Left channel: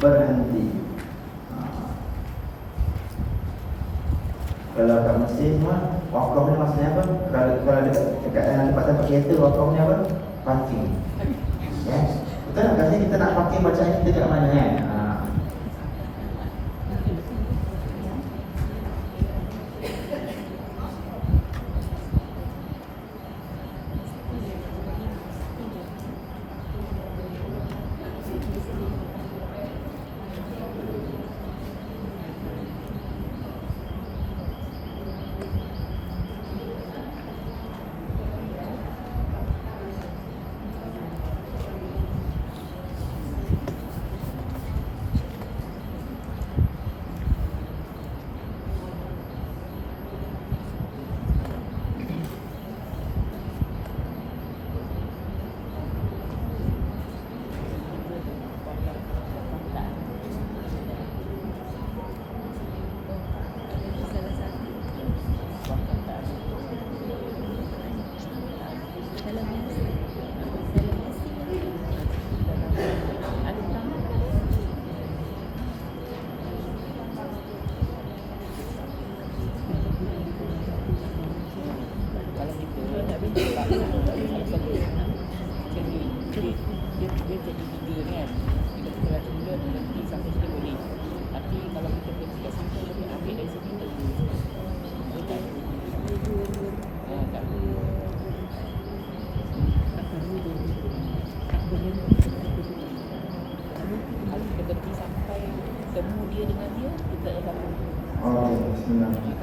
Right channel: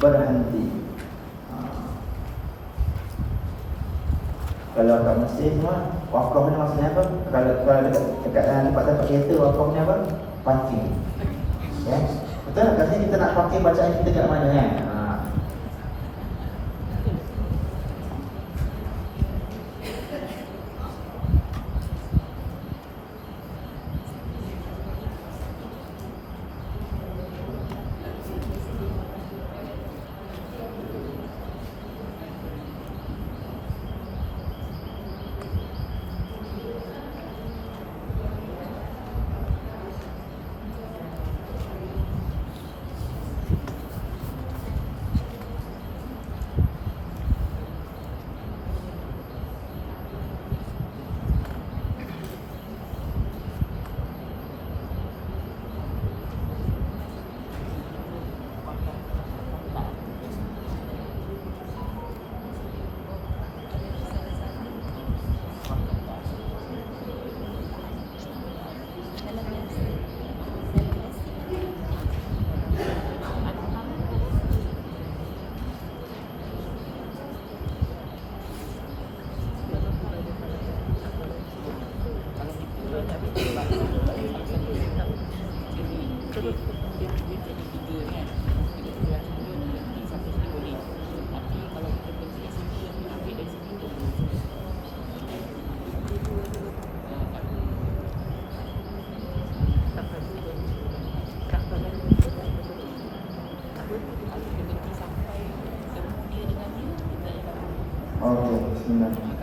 berhenti. Kalau kat Mesir semua, wakaf ni maksudnya apa? Kalau dekat tempat-tempat kereta, wakaf ni apa? Parking. Ya, betul tak? Katanya kita nak parking bacaan kita kat mana kan?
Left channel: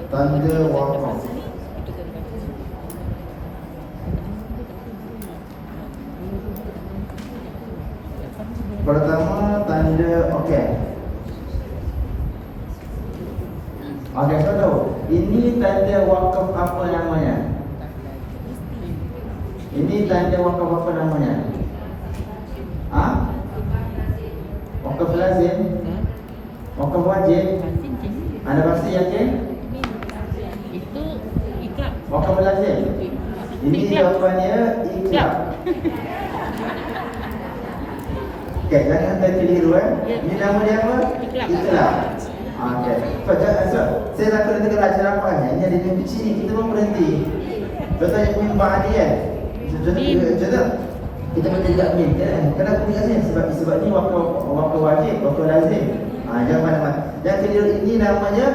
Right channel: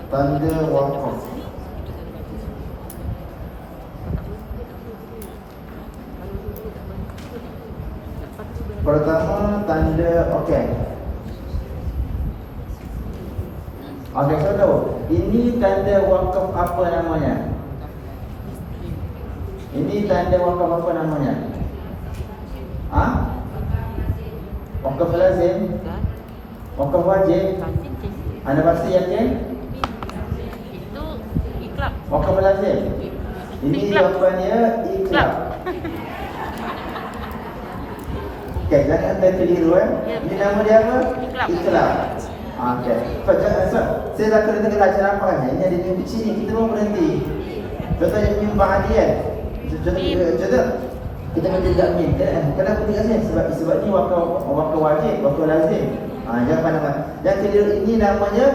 Tanda wakaf. Pertama tanda okey. Okey, saya tahu. Ini tanda wakaf apa namanya? Ini tanda wakaf apa namanya? Wakaf lazim? Wakaf wajib? Anda pasti yakin? Wakaf lazim. Ini jawapannya ikhlas. Okey, jangan anda keliru Ini nama dia apa? Ikhlas. Okey. Saya dah kena dengar ceramahnya. Ini ada yang kecil ni, kita mau berhenti. Betul yang mimba dia. Contoh. Kita baca tak mim. Kenapa dia sini? Sebab ni wakaf wajib, wakaf lazim. Jangan keliru, ini namanya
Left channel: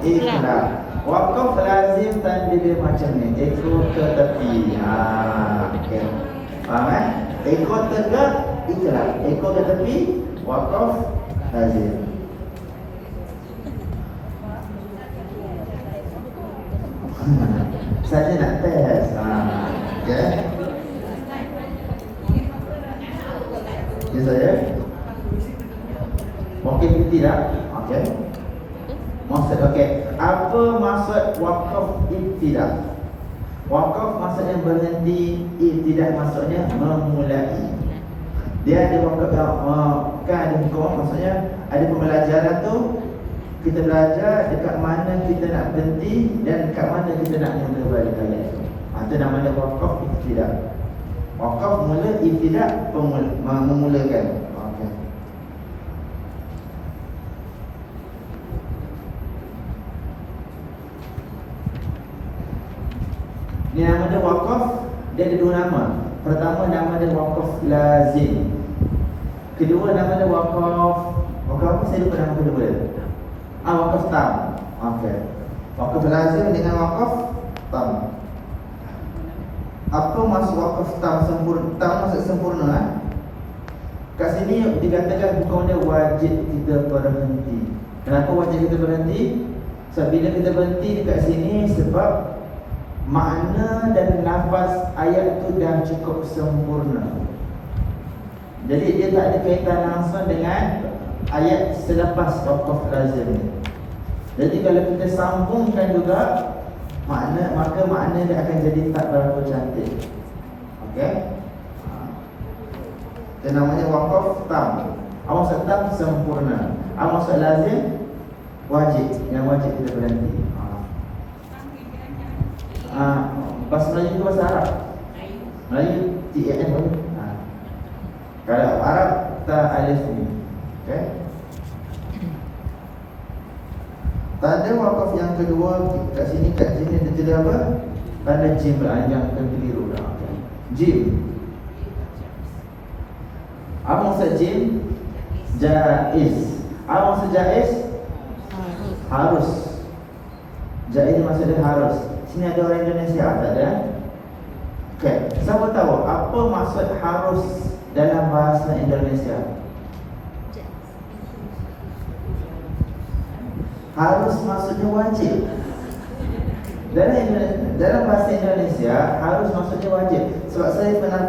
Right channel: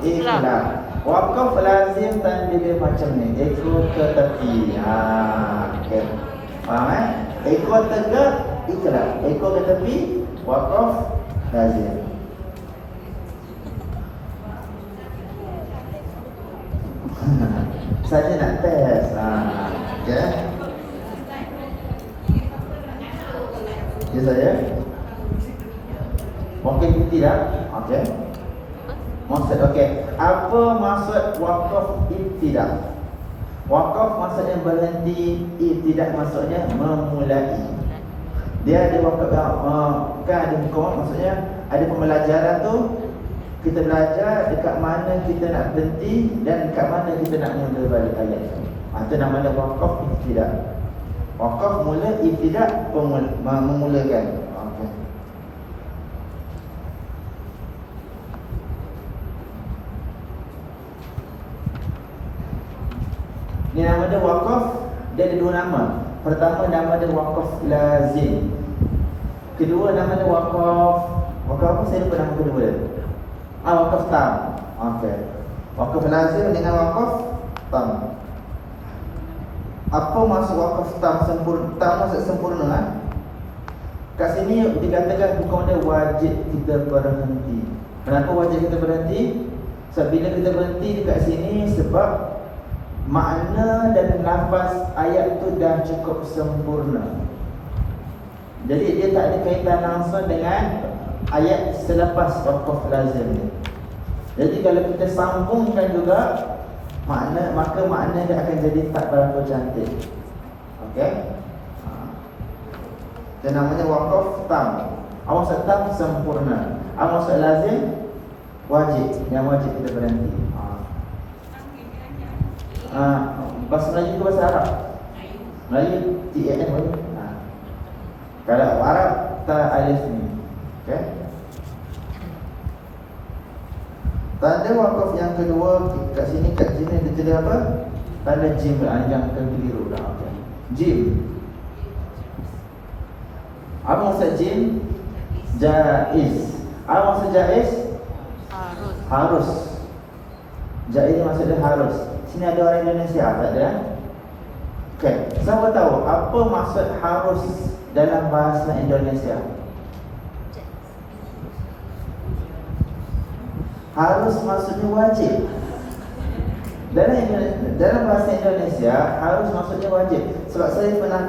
ikhlas. Wakaf lazim tanda dia macam ni, ekor ke tepi. Okay. Faham Ekor tegak, ikhlas. Ekor ke tepi, wakaf lazim. Saya nak test. Okay. Ya saya. Mungkin tidak. Okay. Maksud okey. Apa maksud wakaf ibtidah? Wakaf maksudnya berhenti, ibtidah maksudnya memulai. Dia ada wakaf kan ada hukum, maksudnya ada pembelajaran tu kita belajar dekat mana kita nak berhenti dan dekat mana kita nak mula balik ayat. Itu namanya wakaf ibtidah. Wakaf mula, ibtidah memulakan. Ini nama dia wakaf, dia ada dua nama. Pertama nama dia wakaf lazim. Kedua nama dia wakaf apa saya lupa nama kedua dia. Wakaf tam. Okey. Wakaf lazim dengan wakaf tam. Apa maksud wakaf tam sempurna? Tam maksud sempurna Kat sini dikatakan bukan dia wajib kita berhenti. Kenapa wajib kita berhenti? Sebab bila kita berhenti dekat sini sebab makna dan lafaz ayat itu dah cukup sempurna. Jadi dia tak ada kaitan langsung dengan ayat selepas wakaf lazim. Jadi kalau kita sambungkan juga maka makna dia akan jadi tak berapa cantik. Okey? Itu namanya wakaf tam. Maksud tam sempurna. Maksud lazim wajib. Yang wajib kita berhenti. Bahasa Melayu itu bahasa Arab. Melayu TAN. Kalau Arab ta alif ni. Okey. tanda wakaf yang kedua kat sini dia tulis apa? Tanda jim lah, yang keliru dah. Jim. Apa maksud jim? Jaiz. Apa maksud jaiz? Harus. Jaiz maksudnya harus. Sini ada orang Indonesia tak ada? Okey, siapa tahu apa maksud harus dalam bahasa Indonesia? Harus maksudnya wajib. Dalam bahasa Indonesia harus maksudnya wajib. Sebab saya pernah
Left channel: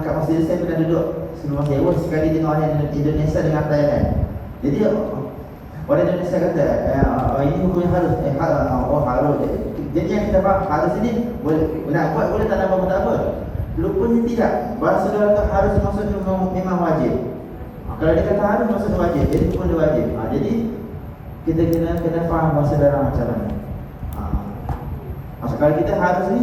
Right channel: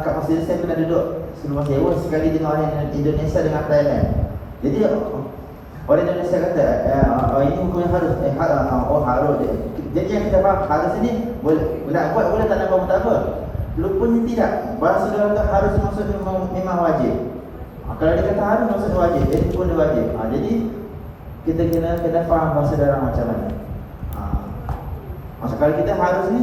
kat masjid saya pernah duduk sebelum saya sekali di orang Indonesia dengan Thailand. Jadi orang Indonesia kata ini hukumnya harus harus. Jadi yang kita faham harus ini boleh nak buat boleh tak nak buat tak apa. Rupanya tidak. Bahasa dia kata harus maksudnya memang wajib. Kalau dia kata harus maksudnya wajib, jadi pun dia wajib. Jadi kita kena faham bahasa dalam macam mana. Maksud kalau kita harus ni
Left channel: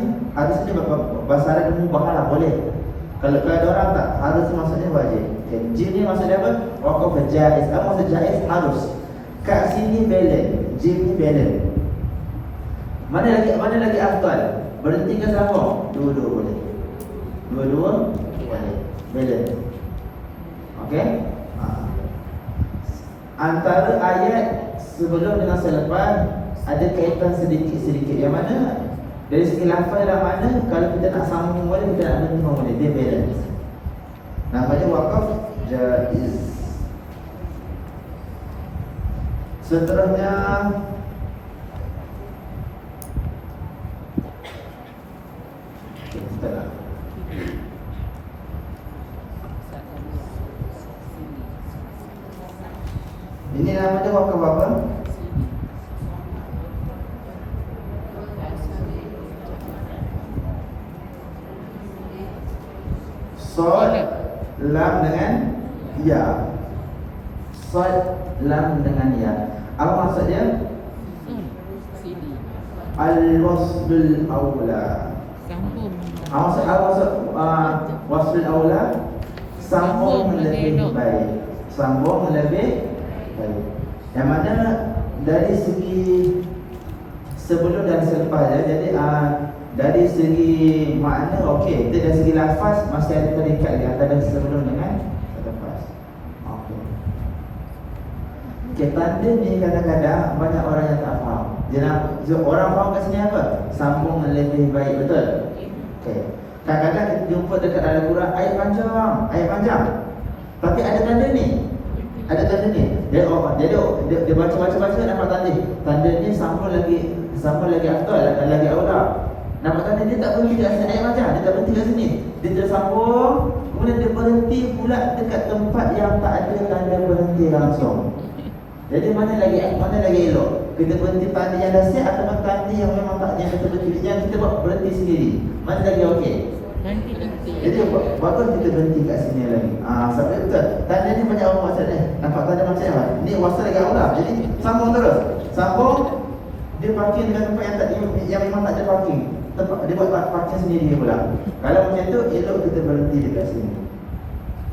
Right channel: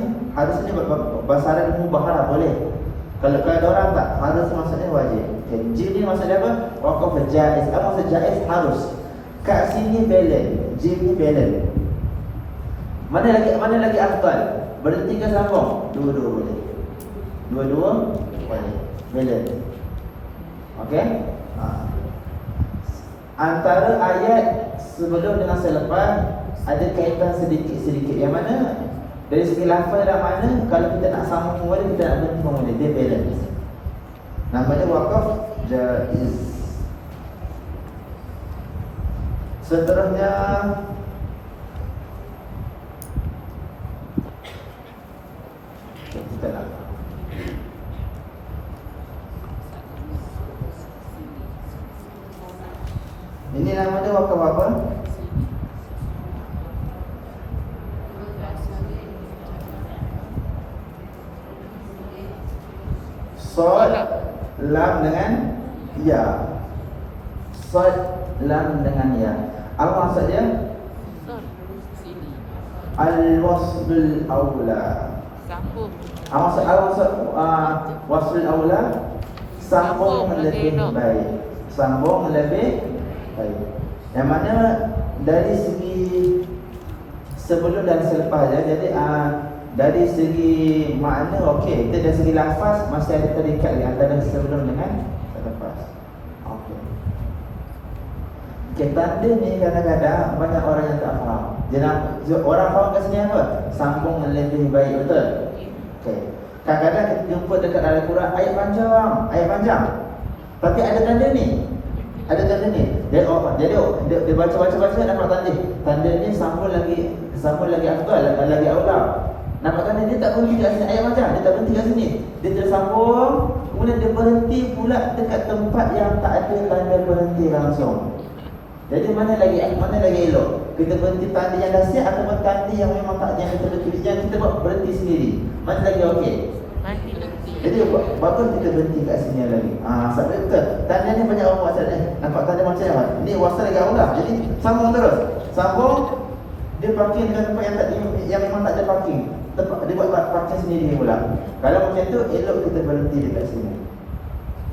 bahasa Arab mubah lah boleh. Kalau ada orang tak harus maksudnya wajib. Jim ni maksudnya apa? Wakaf jaiz. Apa maksud jaiz? Harus. Kat sini balance. Jim ni balance. Mana lagi afdal? Berhenti ke sambung? Dua-dua boleh. Dua-dua boleh. Balance. Okey? Antara ayat sebelum dengan selepas ada kaitan sedikit-sedikit. Yang mana? Dari segi lafaz dalam mana kalau kita nak sambung boleh, kita nak berhenti boleh. Dia balance. Namanya wakaf jaiz. Seterusnya kita nak ini namanya wakaf apa? Sod lam dengan ya. Sod lam dengan ya. Apa maksud dia? Al-waslul awla. Maksud waslul awla sambung lebih baik. Sambung lebih baik. Yang mana dari segi sebelum dan selepas ya. Jadi dari segi makna okey, dari segi lafaz masih ada terikat di antara sebelum dengan selepas. Okey. Tanda ni kadang-kadang banyak orang yang tak faham. Orang faham kat sini apa? Sambung lebih baik, betul? Okey. Kadang-kadang kita jumpa dekat dalam Quran ayat panjang. Tapi ada tanda ni. Ada tanda ni. Dia baca-baca dapat tanda. Tanda ni sambung lagi afdal, lagi aula. Nampak tanda dia tak berhenti kat sini ayat panjang, dia tak berhenti kat sini. Dia tersambung, kemudian dia berhenti pula dekat tempat yang tak ada tanda berhenti langsung. Jadi mana lagi elok? Kita berhenti tanda yang dah siap atau tanda yang memang tak yang kita buat berhenti sendiri? Mana lagi okey? Jadi bagus kita berhenti kat sini lagi. Sebab betul. Tanda ni banyak orang maksud nampak tanda macam apa? Ni wasal lagi awal. Jadi sambung terus. Sambung dia parking dengan tempat yang memang tak ada parking. Dia buat parking sendiri pula. Kalau macam tu elok kita berhenti dekat sini.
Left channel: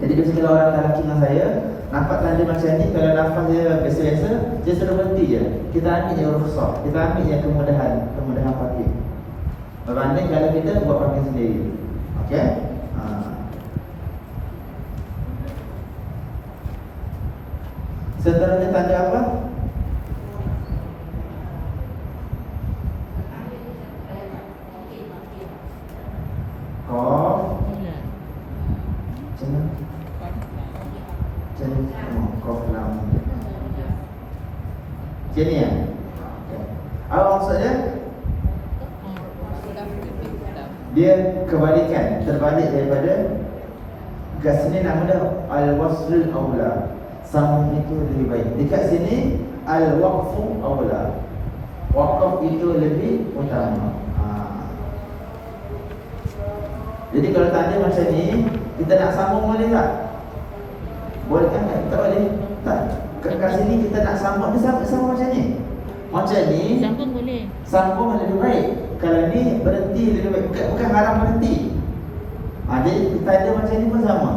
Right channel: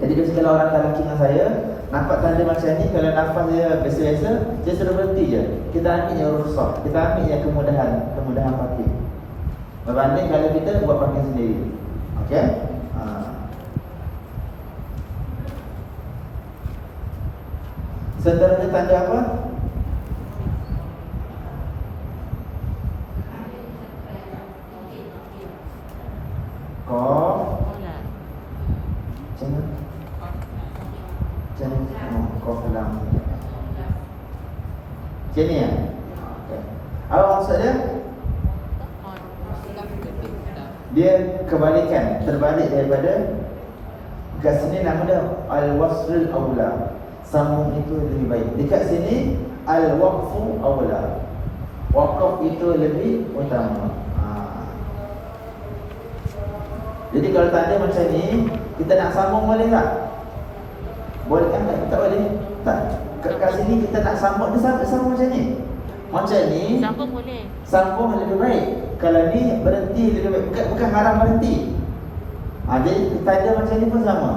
Jadi biasa kalau orang lelaki dengan saya nampak tanda macam ni, kalau nafas dia biasa-biasa, dia sudah berhenti je. Kita ambil yang rukhsah, kita ambil yang kemudahan parking. Berbanding kalau kita buat parking sendiri. Okey? Seterusnya tanda apa? Qaf. Qaf lam. Macam ni ya? Okay. Apa maksud dia? Dia kebalikan, terbalik daripada kat sini nama dia al-waslul awla. Sambung itu lebih baik. Dekat sini al-waqfu awla. Waqaf itu lebih utama. Jadi kalau tanda macam ni, kita nak sambung boleh tak? Boleh kan? Tak boleh. Tak. Kat sini kita nak sambung, dia sambung macam ni. Macam ni sambung boleh. Sambung lebih baik. Kalau ni berhenti lebih baik. Bukan haram berhenti. Jadi tanda macam ni pun sama.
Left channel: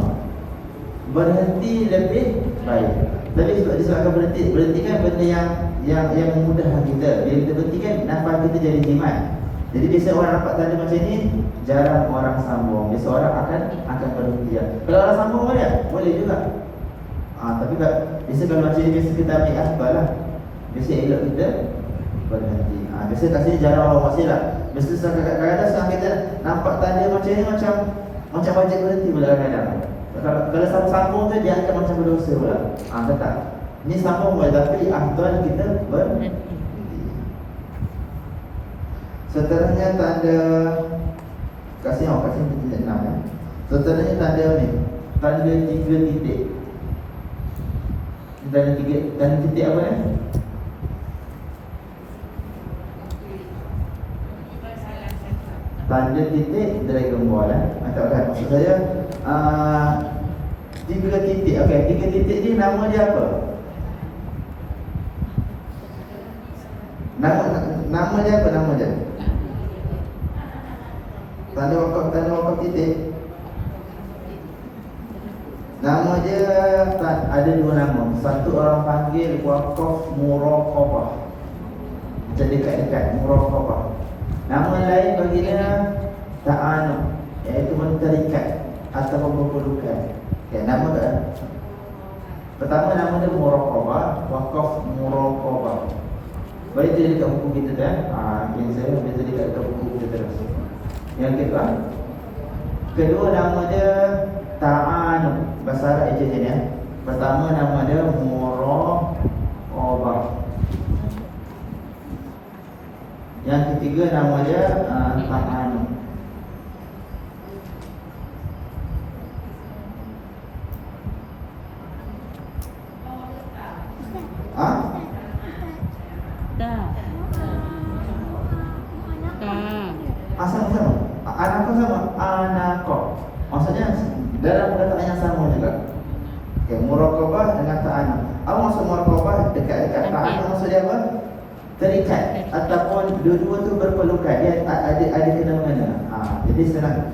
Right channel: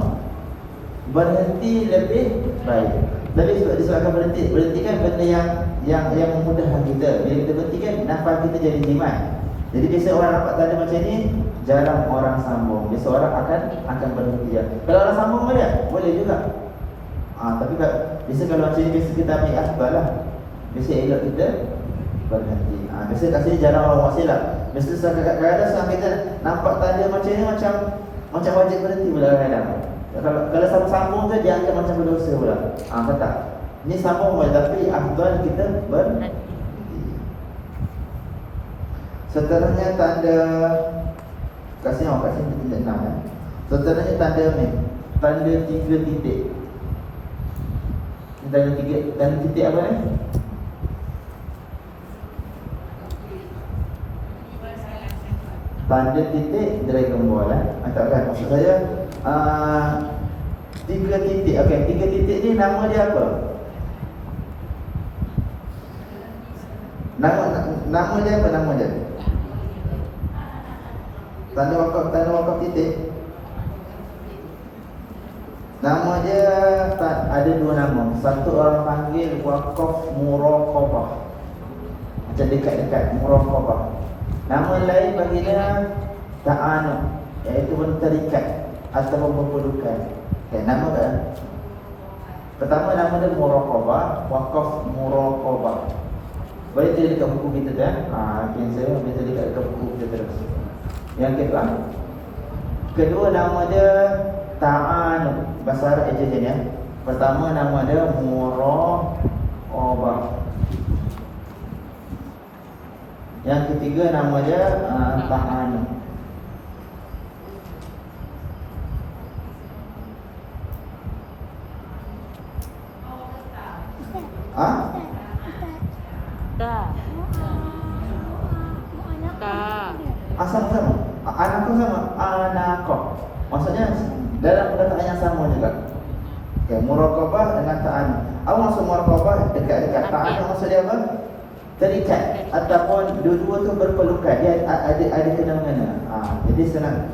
Berhenti lebih baik. Tapi disebabkan berhenti kan benda yang memudahkan kita. Bila kita berhenti kan nafas kita jadi jimat. Jadi biasa orang dapat tanda macam ni, jarang orang sambung. Biasa orang akan berhenti ya. Kalau orang sambung boleh juga. Tapi biasa kalau macam ni biasa kita ambil asbab lah. Biasa elok kita berhenti. Biasa kat sini jarang orang wasil lah. Biasa kadang-kadang sekarang kita nampak tanda macam ni macam wajib berhenti pula kadang-kadang. Kalau sambung tu dia akan macam berdosa pula. Kata ni sambung boleh tapi afdal kita berhenti. Seterusnya tanda kasih titik 6 ya. Seterusnya tanda ni, tanda 3 titik. Tanda titik apa ni? Tanda titik Dragon Ball kan. Maksud saya 3 titik. Okey, 3 titik ni nama dia apa? Nama dia apa nama dia? Tanda wakaf titik. Nama dia ada 2 nama. Satu orang panggil wakaf muraqabah. Macam dekat-dekat muraqabah. Nama lain baginya ta'anud, iaitu mentarikat atau berpelukan. Nama kan? Pertama nama dia muraqabah, wakaf muraqabah. Boleh tulis dekat buku kita kan? Saya boleh tulis dekat buku kita terus. Yang kedua nama dia ta'anud. Bahasa Arab je ya. Pertama nama dia muraqabah. Yang ketiga nama dia ta'anud. Sama. Anakku sama. Anakku. Maksudnya dalam perkataan yang sama juga. Okay, muraqabah dengan ta'anud. Apa maksud muraqabah? Dekat-dekat. Ta'anud maksud dia apa? Terikat ataupun dua-dua tu berpelukan. Dia ada kena-mengena. Jadi senang.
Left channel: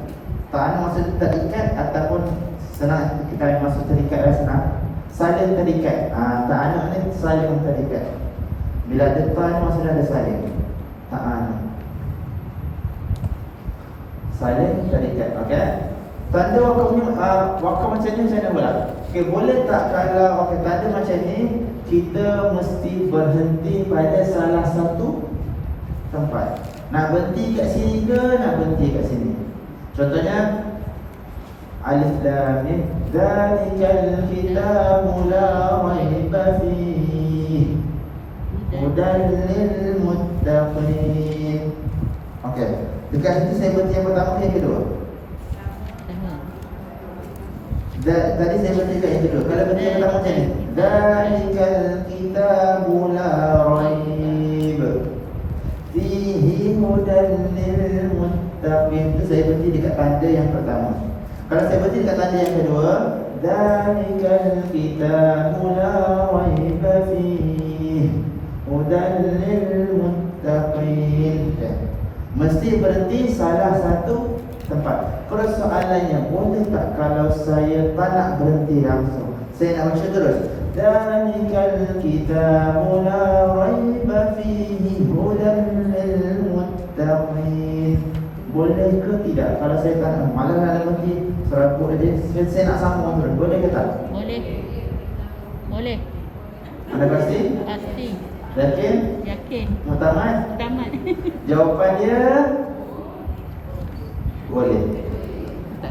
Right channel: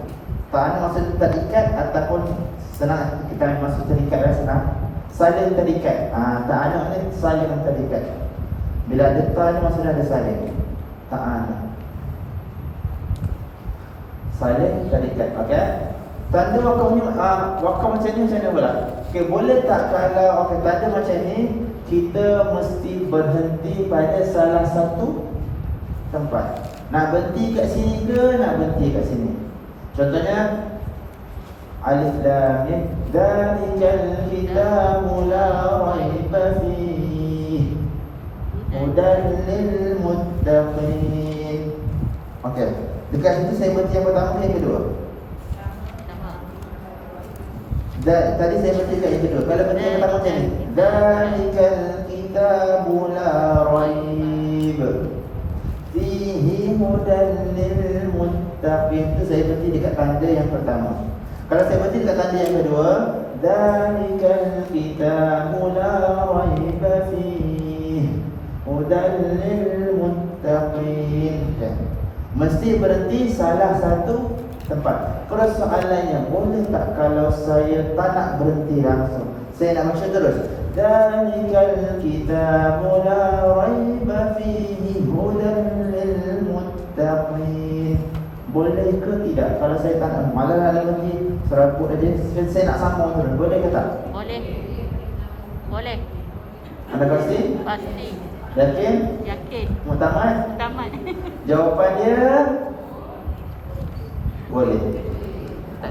Ta'anud maksud terikat ataupun senang kita maksud terikat dan senang. Saling terikat. Ta'anud ni saling terikat. Bila ada ta' ni maksudnya ada saling. Ta'anud. Saling terikat. Okey. Tanda wakaf ni wakaf macam ni macam mana pula? Okey, boleh tak kalau tanda macam ni kita mesti berhenti pada salah satu tempat. Nak berhenti kat sini ke nak berhenti kat sini? Contohnya alif lam mim dzalikal kitabu la raiba fihi hudan lil muttaqin. Okey. Dekat situ saya berhenti yang pertama yang kedua. Tadi saya berhenti dekat yang kedua. Kalau berhenti yang pertama macam ni, dzalikal kitabu la raib fihi hudan lil muttaqin. Itu saya berhenti dekat tanda yang pertama. Kalau saya berhenti dekat tanda yang kedua, dzalikal kitabu la raib fihi hudan lil muttaqin. Mesti berhenti salah satu tempat. Kalau soalannya, boleh tak kalau saya tak nak berhenti langsung, saya nak baca terus, dzalikal kitabu la raiba fihi hudan lil muttaqin. Boleh ke tidak? Kalau saya tak nak, malah nak berhenti serabut aja, saya nak sambung terus. Boleh ke tak? Boleh. Anda pasti? Pasti. Yakin? Yakin. Mutamat? Tamat. Jawapan dia boleh.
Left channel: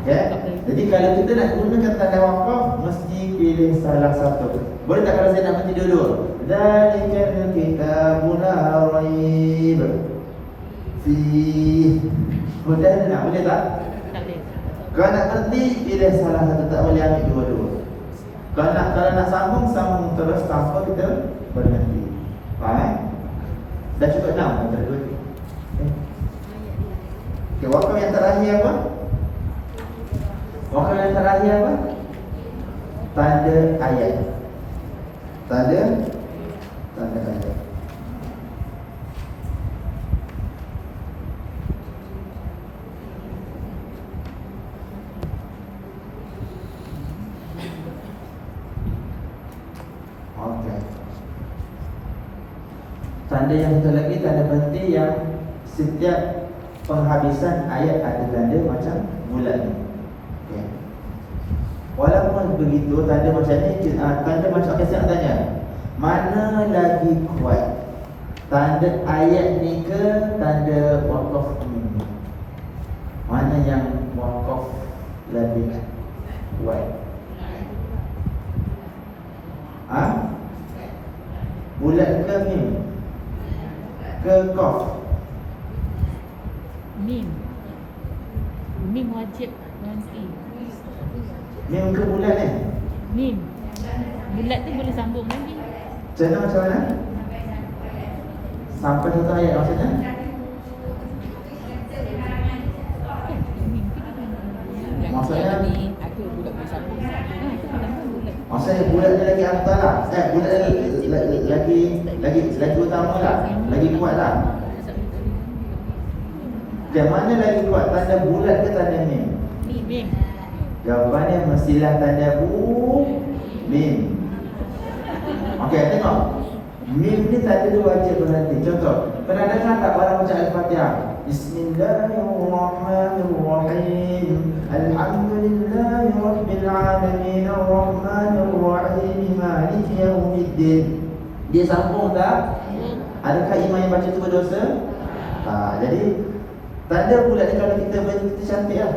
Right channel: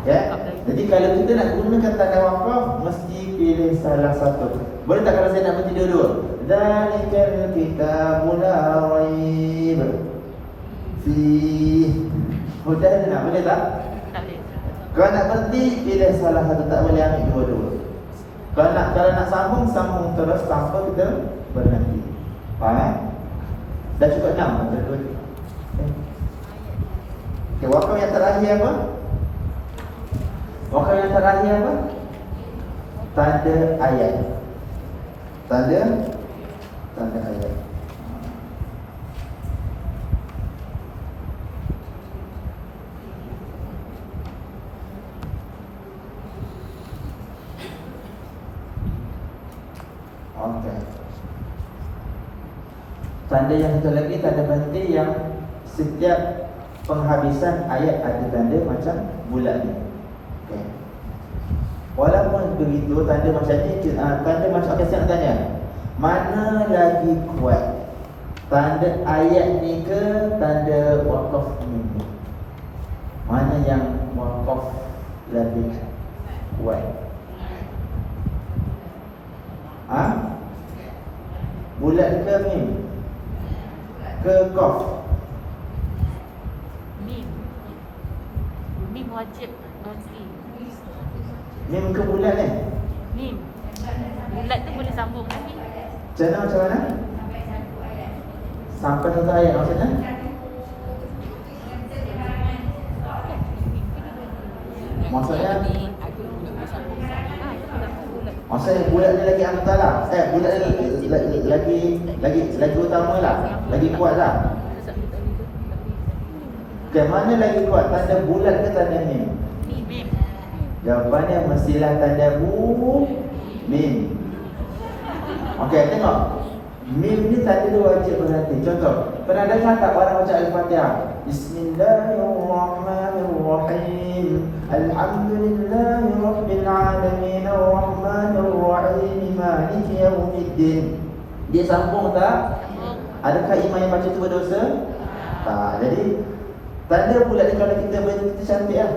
Ya. Jadi kalau kita nak gunakan tanda wakaf, mesti pilih salah satu. Boleh tak kalau saya nak berhenti dua-dua? Dzalikal kitabu la raib fi hudan. Boleh tak? Tak boleh. Kalau nak berhenti, pilih salah satu. Tak boleh ambil dua-dua. Kalau nak sambung terus tanpa kita berhenti. Faham? Dah cukup 6. Okay, wakaf yang terakhir apa? Wakaf yang terakhir apa? Tanda ayat. Tanda ayat. Okey. Tanda yang satu lagi, tanda berhenti yang setiap penghabisan ayat ada tanda macam bulat ni. Okay. Walaupun begitu, tanda macam ni, tanda macam, okay, saya nak tanya, mana lagi kuat, tanda ayat ni ke tanda wakaf ni? Mana yang wakaf lebih kuat? Bulat ke mim? Ke qaf? Mim wajib nanti. Mim ke bulat ni? Mim. Bulat tu boleh sambung lagi. Macam mana? Sampai satu ayat maksudnya? Maksudnya bulat ni lagi amtalah. Bulat lagi utama lah, lagi kuat lah. Okay, mana lagi kuat, tanda bulat ke tanda mim? Mim. Jawapannya mestilah tanda mim. Okey, tengok. Mim ni tanda dia wajib berhati. Contoh, pernah dengar tak barang baca Al-Fatihah? Bismillahirrahmanirrahim. Alhamdulillahi rabbil alamin arrahmanir rahim maliki yaumiddin. Dia sambung tak? Adakah imam yang baca tu berdosa? Tak. Jadi tanda bulat ni kalau kita kita cantik lah.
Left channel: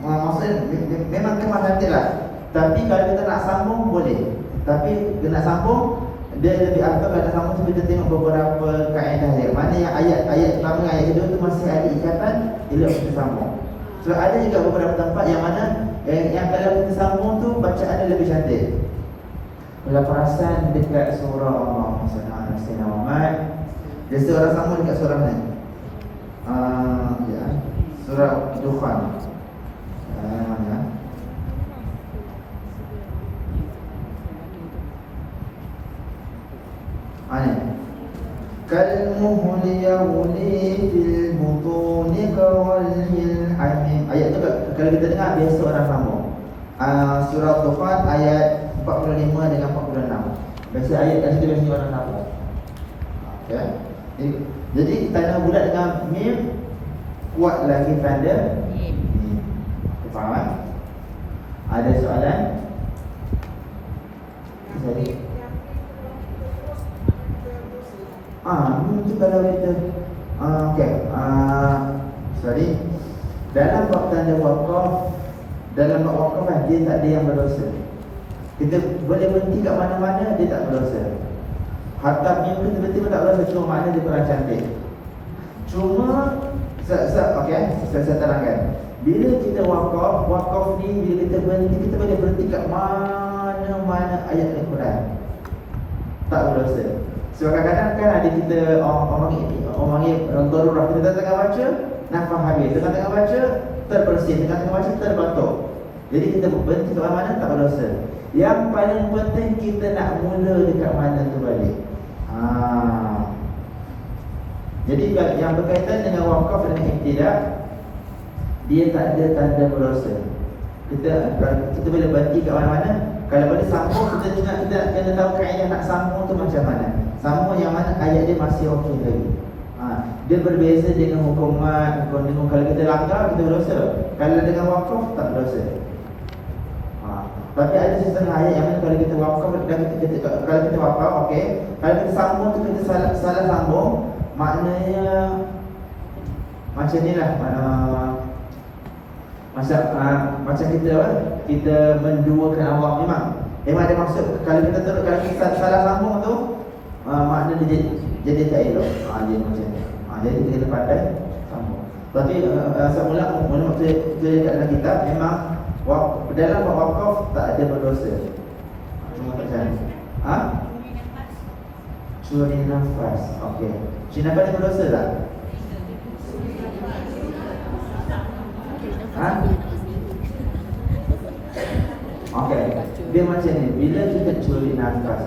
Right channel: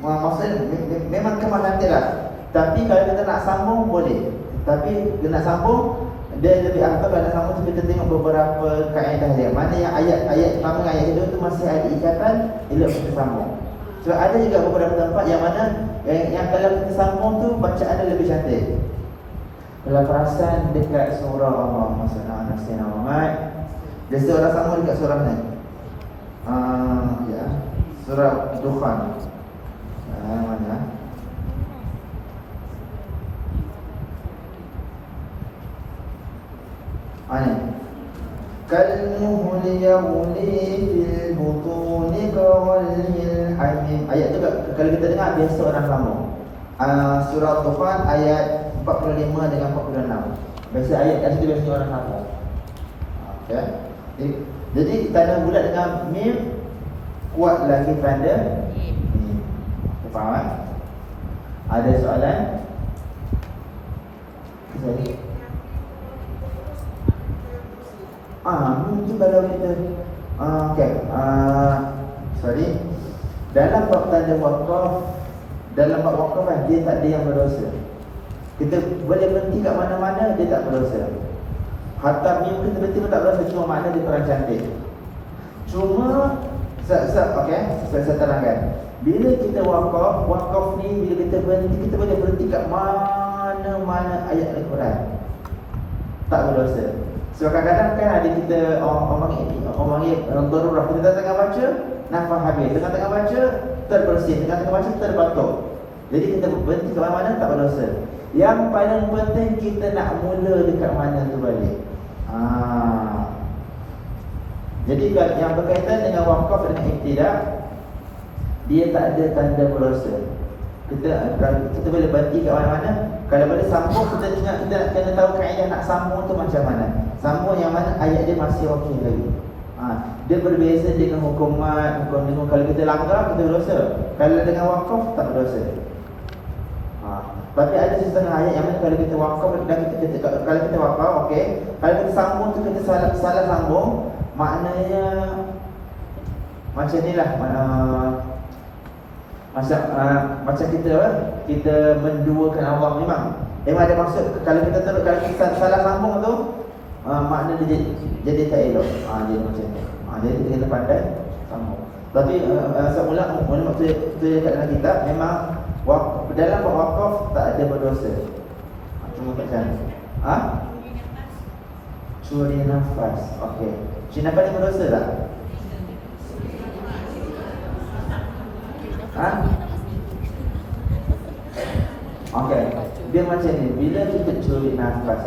Maksudnya memang kemas cantik lah. Tapi kalau kita nak sambung boleh. Tapi dia nak sambung, dia lebih afdal kalau nak sambung tu kita tengok beberapa kaedah dia. Mana yang ayat pertama dengan ayat kedua tu masih ada ikatan, elok kita sambung. So ada juga beberapa tempat yang mana yang kalau kita sambung tu bacaan dia lebih cantik. Kalau perasan dekat surah Allah Subhanahu Muhammad, dia seorang sambung dekat surah ni. Ya, surah Dukhan. Mana? Kalmuhli yawli fil butuni kawalil hamim. Ayat tu kalau kita dengar biasa orang sambung. Surah Dukhan ayat 45 dengan 46. Biasa ayat kat situ biasa orang sambung. Okay. Jadi tanda bulat dengan mim kuat lagi tanda mim. Faham kan? Ada soalan? Jadi mungkin kalau kita okey, sorry. Dalam bab tanda wakaf, dalam bab wakaf kan dia tak ada yang berdosa. Kita boleh berhenti kat mana-mana, dia tak berdosa. Hatta mim kita berhenti pun tak berdosa, cuma makna dia kurang cantik. Cuma okey, saya terangkan. Bila kita wakaf ni bila kita berhenti, kita boleh berhenti kat mana-mana ayat Al-Quran. Tak berdosa. So kadang-kadang kan ada kita orang darurah, kita tengah baca nafas habis, tengah baca terbersin, tengah baca terbatuk. Jadi kita berhenti kat mana-mana tak berdosa. Yang paling penting kita nak mula dekat mana tu balik. Jadi yang berkaitan dengan wakaf dan ibtidah, dia tak ada tanda berdosa. Kita boleh berhenti kat mana-mana. Kalau boleh sambung, kita kena tahu kaedah nak sambung tu macam mana. Sambung yang mana ayat dia masih okey lagi. Dia berbeza dengan hukuman, kalau kita langgar kita berdosa. Kalau dengan wakaf tak berdosa. Tapi ada setengah ayat yang mana kalau kita wakaf dan kalau kita wakaf okey, kalau kita sambung tu kita salah sambung, maknanya macam nilah macam kita menduakan Allah. Memang ada maksud. Kalau kita salah sambung tu makna dia jadi tak elok. Dia macam ni. Jadi kita kena pandai sambung. Tapi semula maksud dekat dalam kitab memang dalam wakaf tak ada berdosa. Cuma macam curi nafas. Okey. Curi nafas ni berdosa tak? Okey. Dia macam ni. Bila kita curi nafas,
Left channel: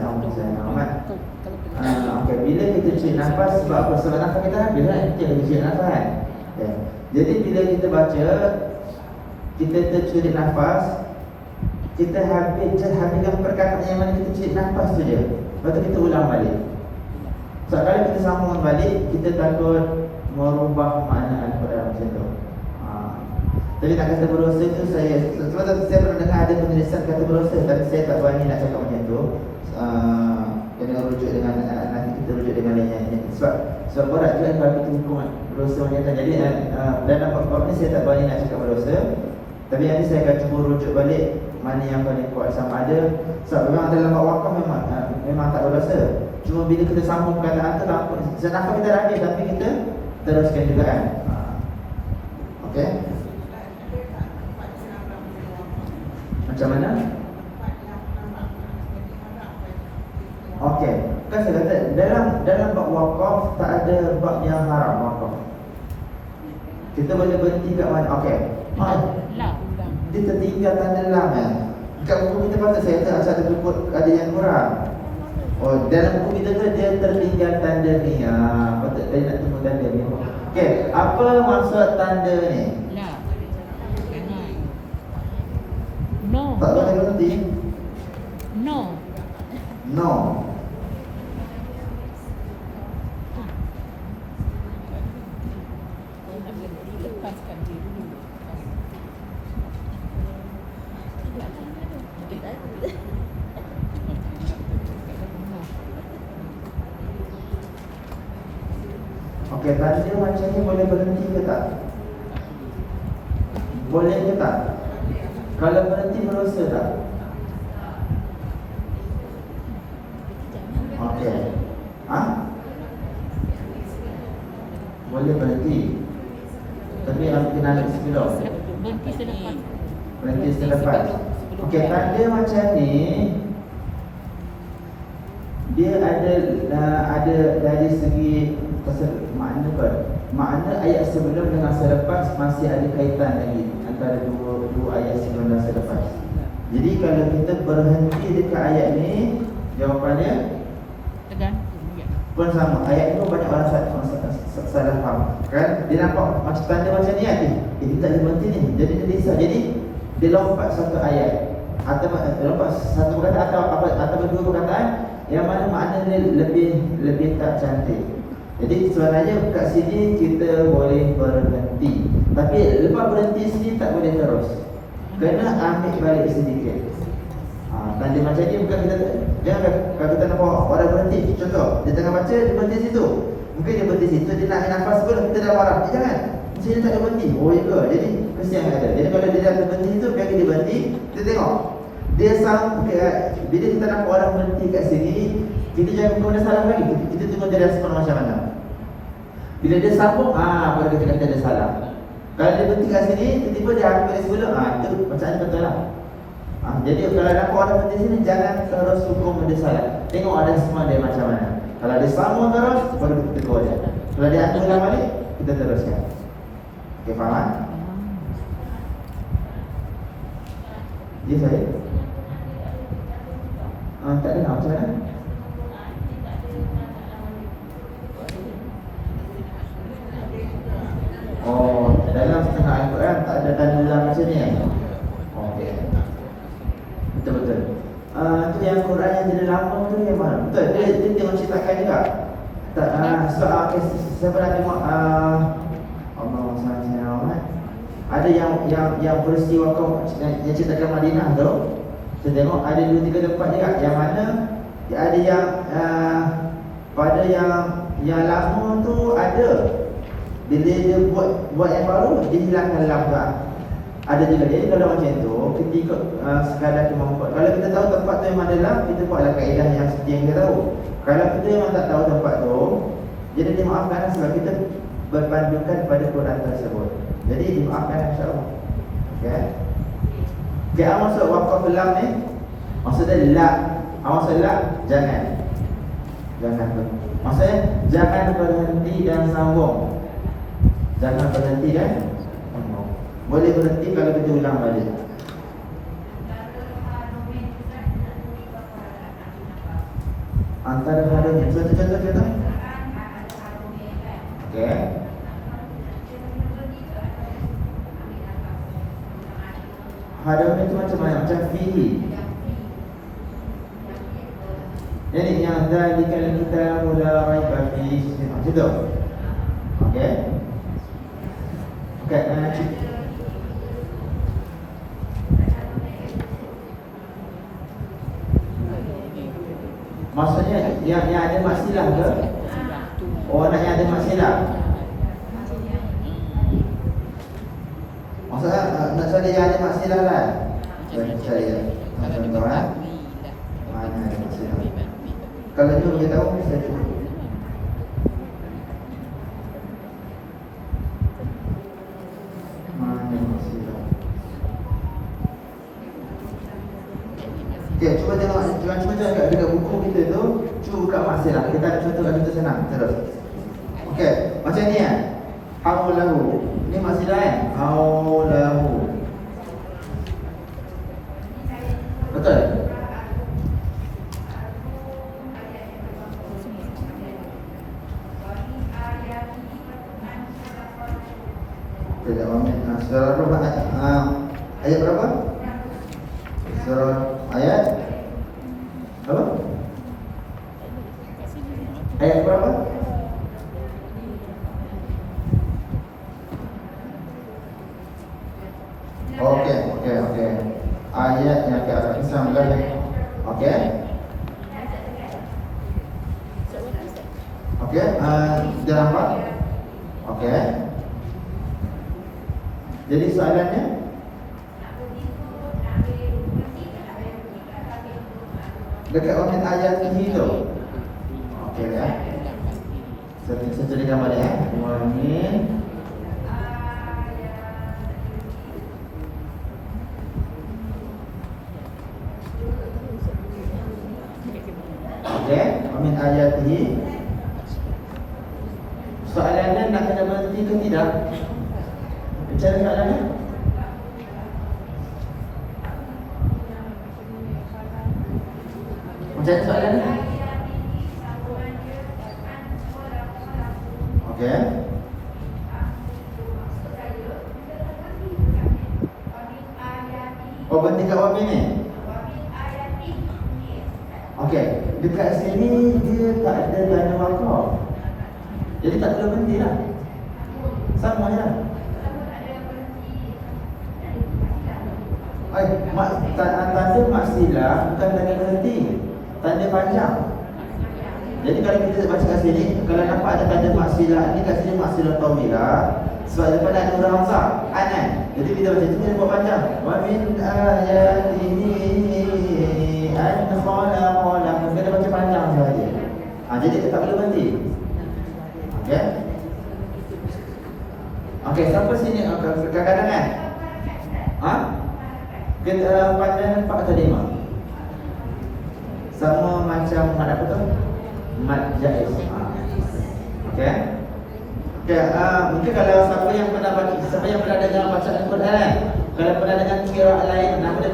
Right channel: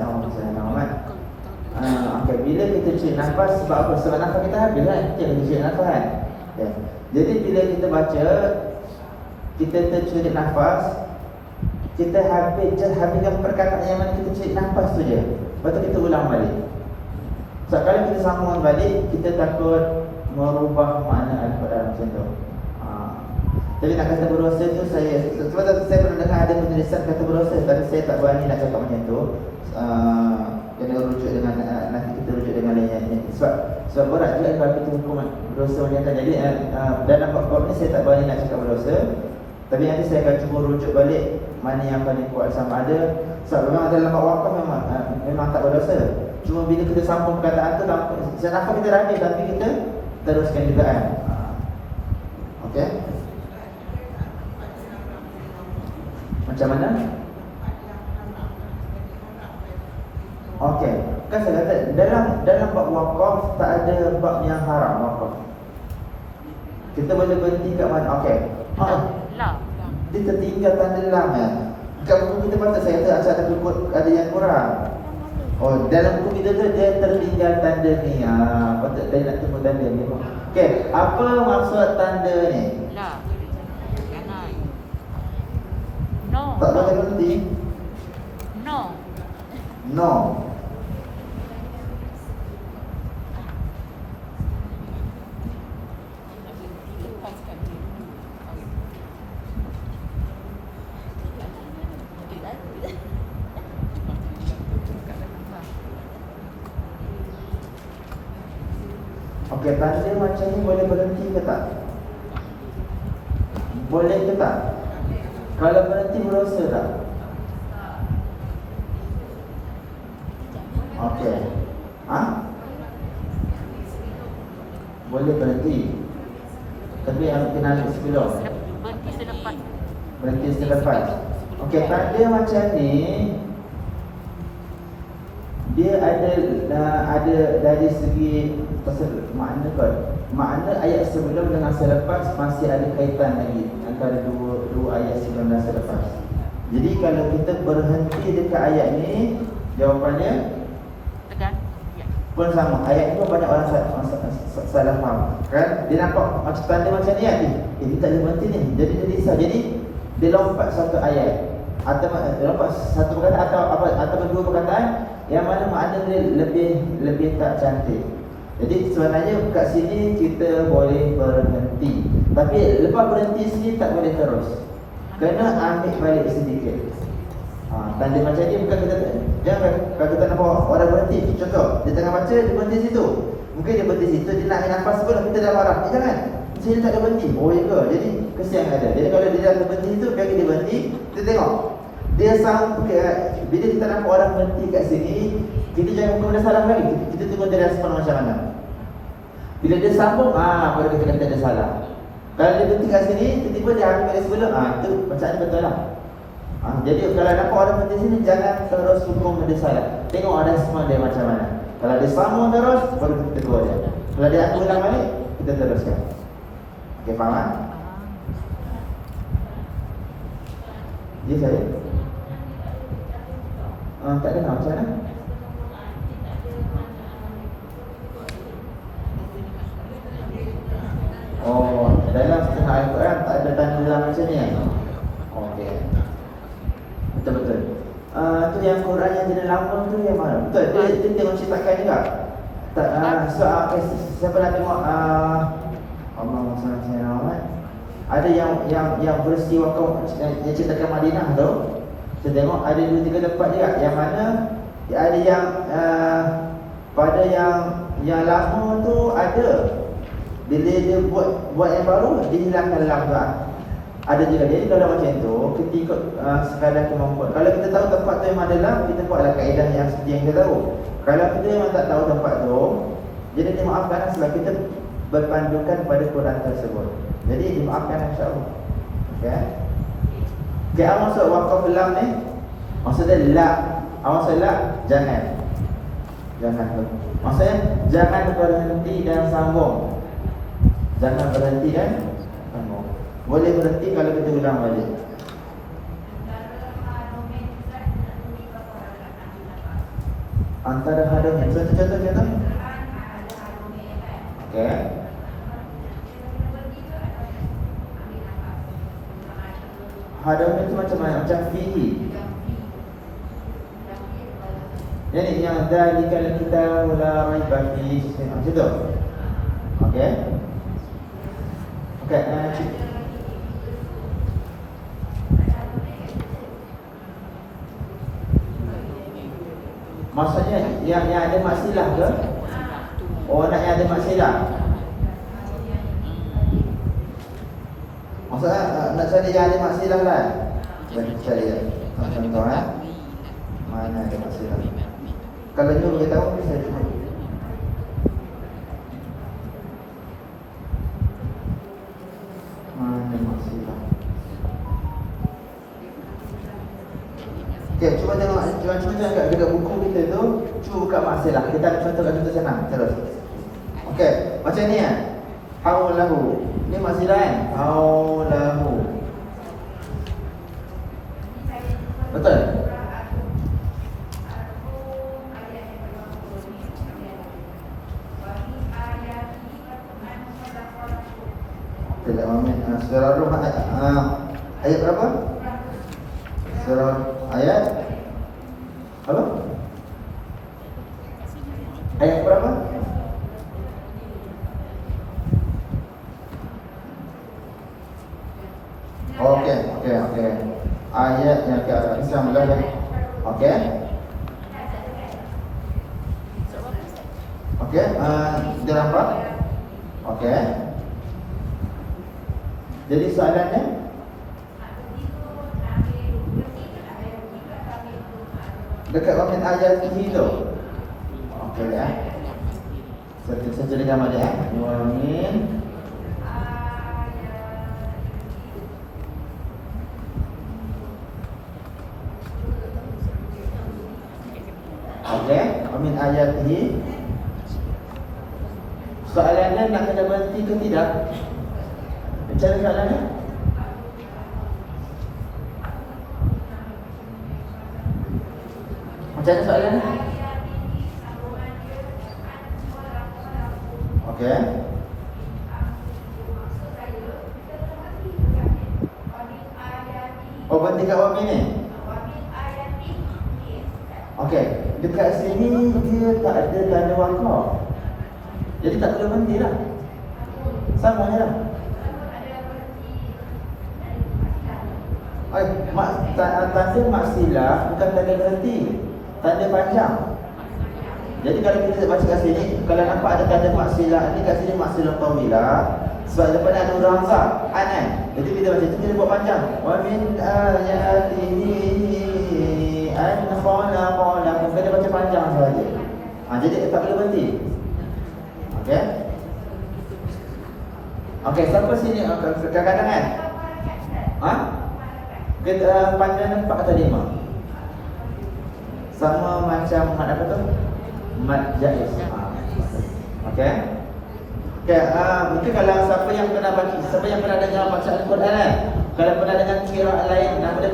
okey, bila kita curi nafas, sebab apa? Sebab nafas kita habis kan? Kita curi nafas kan? Okay. Jadi bila kita baca, kita tercuri nafas, kita habiskan perkataan yang mana kita curi nafas Lepas tu kita ulang balik. So kalau kita sambungkan balik, kita takut merubah makna Al-Quran macam tu. Tapi nak kata berusaha tu sebab saya pernah dengar ada penulisan kata berusaha, tapi saya tak berani nak cakap macam tu. Kena rujuk dengan nanti kita rujuk dengan lainnya. Sebab berat juga kalau kita hukum berusaha macam tu. Jadi dalam bab ni saya tak berani nak cakap berusaha. Tapi nanti saya akan cuba rujuk balik mana yang paling kuat sama ada. Sebab memang dalam bab wakaf memang tak berusaha. Cuma bila kita sambung perkataan tu, saya nampak kita ramai tapi kita teruskan juga kan. Okey. Macam mana? Okey. Kan saya kata dalam bab wakaf tak ada bab yang haram wakaf. Kita boleh berhenti kat mana? Okey. Lam. Dia tertinggal tanda lam kan. Kat buku kita patut saya kata ada buku ada yang kurang. Oh, dalam buku kita tu dia tertinggal tanda ni. Patut saya nak tunggu tanda ni. Okey, apa maksud tanda ni? Lam. No. Tak boleh berhenti. No. No. Okey, tanda macam ni boleh berhenti ke tak? Boleh ke tak? Kalau berhenti berdosa tak? Okey. Boleh berhenti. Tapi harus kena ambil sebelum. Berhenti selepas. Berhenti selepas. Okey, tanda macam ni dia ada dari segi makna ayat sebelum dengan selepas masih ada kaitan lagi antara dua ayat sebelum dan selepas. Jadi kalau kita berhenti dekat ayat ni, jawapannya Tekan. pun sama. Ayat tu banyak orang salah faham. Kan? Dia nampak macam tanda macam ni kan? Dia tak boleh berhenti ni. Jadi dia risau. Jadi dia lompat satu ayat atau lompat satu perkataan atau dua perkataan yang mana makna dia lebih tak cantik. Jadi sebenarnya kat sini kita boleh berhenti. Tapi lepas berhenti sini tak boleh terus. Kena ambil balik sedikit. Tanda macam ni bukan kita jangan kalau kita nampak orang berhenti. Contoh, dia tengah baca, dia berhenti situ. Mungkin dia berhenti situ, dia nak ambil nafas sebelum kita dah marah. Jangan. Dia tak ada berhenti. Oh ya ke? Jadi kesian ada. Jadi kalau dia dah berhenti situ, biar dia berhenti, kita tengok. Dia bila kita nampak orang berhenti kat sini, kita jangan kemudian salah lagi. Kita tengok dia respon macam mana. Bila dia sambung, baru kita kata dia salah. Kalau dia berhenti kat sini, tiba-tiba dia ambil dari sebelum, itu bacaan betul lah. Jadi kalau nampak orang berhenti sini, jangan terus hukum dia salah. Tengok ada semua dia macam mana. Kalau dia sambung terus, baru kita tegur dia. Kalau dia ambil balik, kita teruskan. Okey, faham tak? Ya saya? Tak ada macam mana? Oh, dalam setengah Al-Quran tak ada tanda dalam macam ni. Okey. Betul-betul. Tu yang Quran yang jadi lama tu yang mana? Betul, dia tengok ceritakan juga. Tak, saya pernah tengok Allah SWT. Ada yang peristiwa yang ceritakan Madinah tu. Saya tengok ada 2-3 tempat juga yang mana ada yang pada yang lama tu ada. Bila dia buat yang baru, dia hilangkan lam tu. Ada juga. Jadi kalau macam tu, ketika sekadar kemampuan. Kalau kita tahu tempat tu memang ada lam, kita buatlah kaedah yang seperti yang kita tahu. Kalau kita memang tak tahu tempat tu, jadi dimaafkan sebab kita berpandukan pada Quran tersebut. Jadi dimaafkan insya-Allah. Okey. Okey, apa maksud wakaf lam ni? Maksudnya la. Maksud la jangan. Jangan. Maksudnya jangan berhenti dan sambung. Jangan berhenti dan sambung. Boleh berhenti kalau kita ulang balik. Antara hadanya. Contoh. Okey. Hadam itu macam mana? Macam fihi. Jadi yang dzalikal kitabu la raiba fihi macam tu. Okey. Okey, maksudnya yang ada maksilah ke? Oh, nak yang ada maksilah. Maksudnya nak cari yang ada maksilah lah. Cari ya. Contoh mana ada maksilah. Kalau you kita tahu bisa cuba. Mana maksilah. Okey, cuba tengok, cuba tengok dekat buku kita tu, cuba buka maksilah. Kita ada contoh senang terus. Okey, macam ni ya. Haulahu. Ni maksilah kan? Haulahu. Betul? Tidak mamin. Surah Rum ayat berapa? Surah ayat apa? Ayat berapa? Okey. Ayatnya ke arah 19. Okey. Dia nampak? Okey. Jadi soalannya dekat wamin ayat ini tu. Okey ya. Setuju nama dia. Wamin min ayatihi. Soalannya nak kena berhenti ke tidak? Macam mana soalannya? Macam mana soalannya? Okey. Oh, berhenti kat wamin ni? Okey, dekat sini dia tak ada tanda wakaf. Jadi tak perlu berhenti lah. Sama je lah. Tanda maksilah bukan tanda berhenti, tanda panjang. Jadi kalau kita baca kat sini, kalau nampak ada tanda maksilah ni, kat sini maksilah tawilah. Sebab depan ada huruf hamzah, kan? Jadi bila baca tu kita buat panjang. Wa min ayatihi an khalaqa lakum. Kita baca panjang saja. Jadi tak perlu berhenti. Okey. Okey, sampai sini kadang-kadang kan? Kita panjang 4 atau 5. Sama macam mat apa tu? Mat jaiz. Okey. Okey, mungkin kalau siapa yang pernah dengar bacaan Al-Quran kan? Kalau pernah dengar qiraat lain, nama dia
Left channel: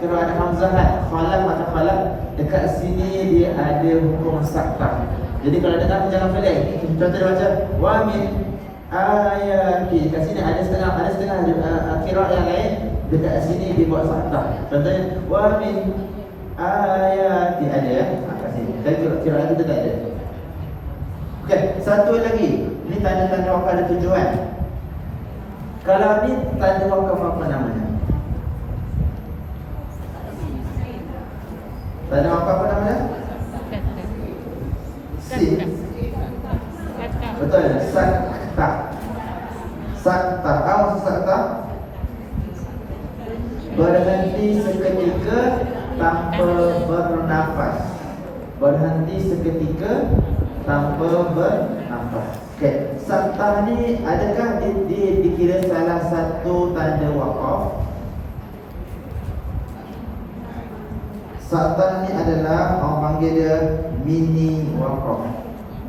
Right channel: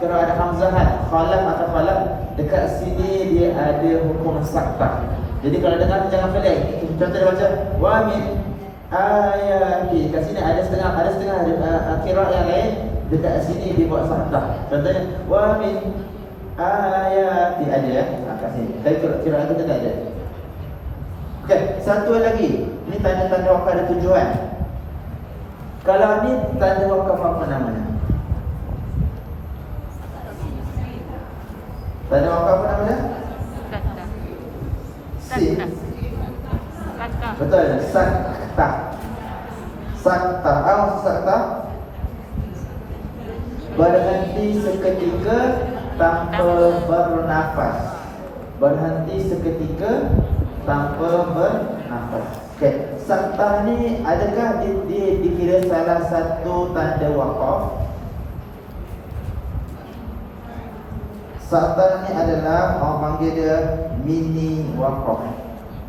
qiraat hamzahat, khalaf atau khalaf, dekat sini dia ada hukum saktah. Jadi kalau dengar jangan pelik. Contoh dia baca wa min ayati. Kat sini ada setengah qiraat yang lain, dekat sini dibuat saktah. Contohnya wa min ayati ada ya. Kat sini. Tapi qiraat kita tak ada. Okey, satu lagi. Ini tanda-tanda wakaf ada tujuan. Kalau ni tanda wakaf apa namanya? Tanda wakaf apa namanya? Sin. Betul, saktah. Saktah. Apa saktah? Berhenti seketika tanpa bernafas. Berhenti seketika tanpa bernafas. Okey, saktah ni adakah dikira salah satu tanda wakaf? Saktah ni adalah orang panggil dia mini wakaf.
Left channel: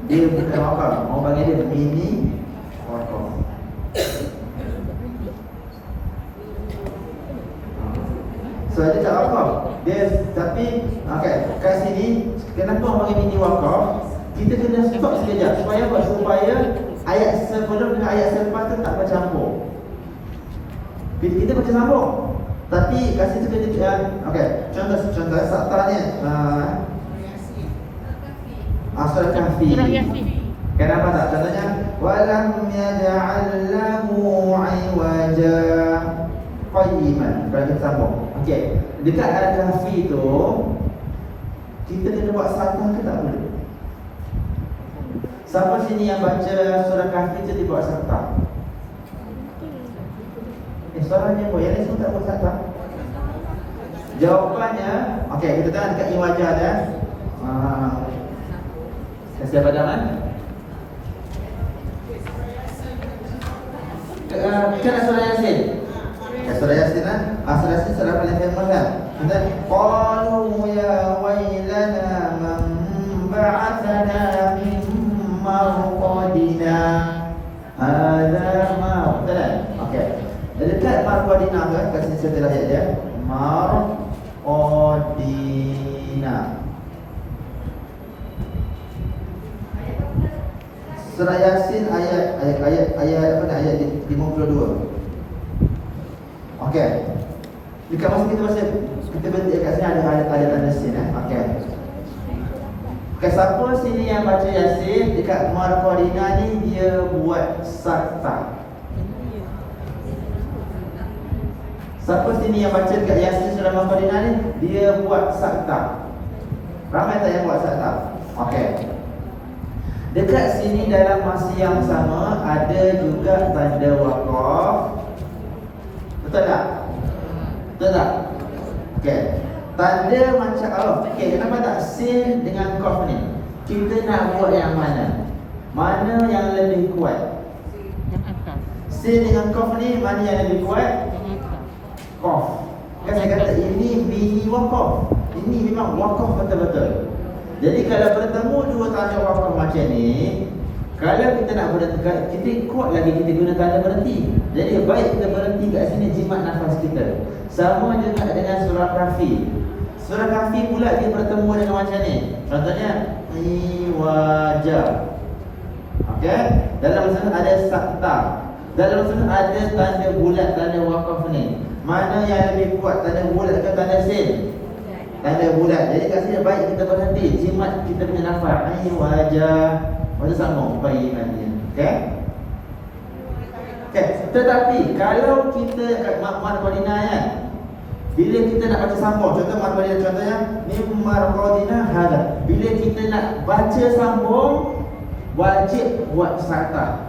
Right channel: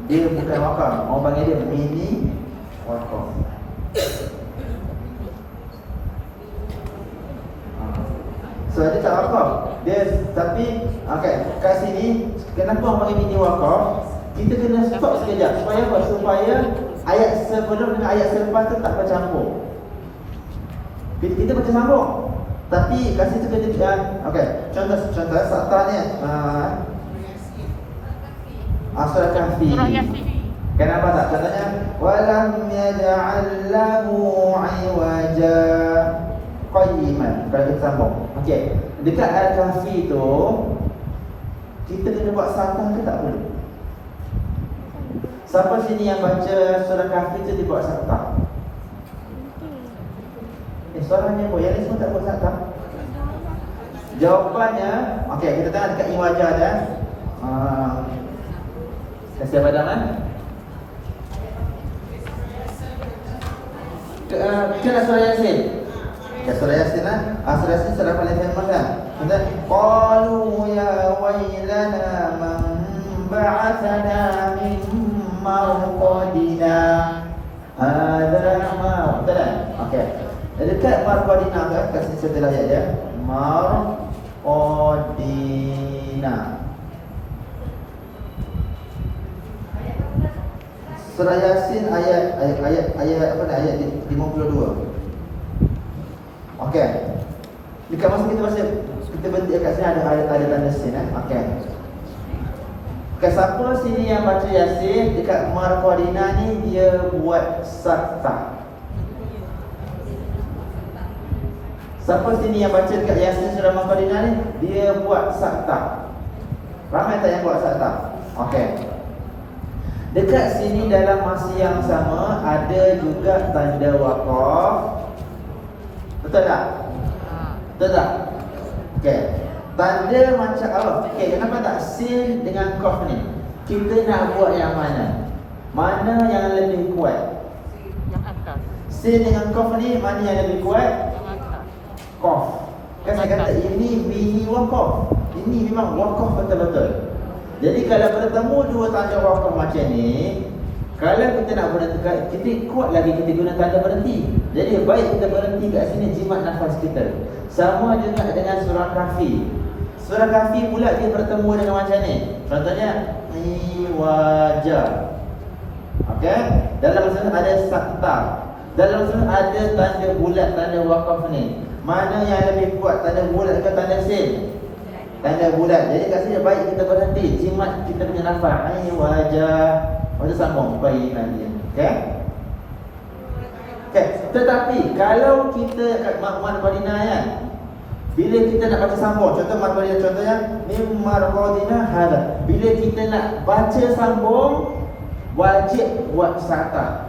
Dia bukan wakaf, orang panggil dia mini wakaf. So dia tak wakaf. Dia tapi okey, kat sini kenapa orang panggil mini wakaf? Kita kena stop sekejap. Supaya apa? Supaya ayat sebelum dengan ayat selepas tu tak bercampur. Kita baca sambung. Tapi kat situ kena okey, contoh saktah ni Kahfi. Surah Yasin. Kenapa tak? Contohnya walam yaj'al lahu 'iwaja qayyiman. Kalau kita sambung. Okey. Dekat Al-Kahfi tu kita kena buat satah ke tak boleh? Siapa sini yang baca surah Kahfi tu dibuat satah? Suaranya kok yang ni semua tak buat satah. Jawapannya, okey, kita tengok dekat iwajah dah. Kasih apa dah? Kena surah Yasin. Surah Yasin lah. Surah Yasin surah paling famous lah. Kita qalu ya wailana man ba'athana min marqadina. Hadza ma. Betul tak? Okey. Dekat marqadina kan, kat sini saya telah ayat dia. Marqadina. Surah Yasin ayat apa ni? Ayat 52. Okey. Dekat masa kita berhenti kat sini ada tanda sin Okey. Okey, siapa sini yang baca Yasin dekat Marqadina ni dia buat sakta. Siapa sini yang baca dekat Yasin surah Marqadina ni dia buat sakta. Ramai tak yang buat sakta? Okey. Dekat sini dalam masa yang sama ada juga tanda waqaf. Betul tak? Betul tak? Okey. Tanda macam okey, kenapa tak sin dengan qaf ni? Kita nak buat yang mana? Mana yang lebih kuat? Yang atas. Sin dengan qaf ni mana yang lebih kuat? Qaf. Kan saya kata ini mini waqaf. Ini memang waqaf betul-betul. Jadi kalau bertemu dua tanda waqaf macam ni, kalau kita nak berhenti, kita kuat lagi kita guna tanda berhenti. Jadi baik kita berhenti kat sini jimat nafas kita. Sama juga dengan surah Kahfi. Surah Kahfi pula dia bertemu dengan macam ni. Contohnya iwajah. Okey? Dalam sana ada sakta. Dalam sana ada tanda bulat, tanda waqaf ni. Mana yang lebih kuat, tanda bulat ke tanda sin? Tanda bulat. Jadi kat sini baik kita berhenti, jimat kita punya nafas. Wajah. Wajah sambung baik nanti. Okey? Okey, tetapi kalau kita kat Marqadina kan, bila kita nak baca sambung, contoh Marqadina contohnya mim Marqadina hada. Bila kita nak baca sambung wajib buat sakta.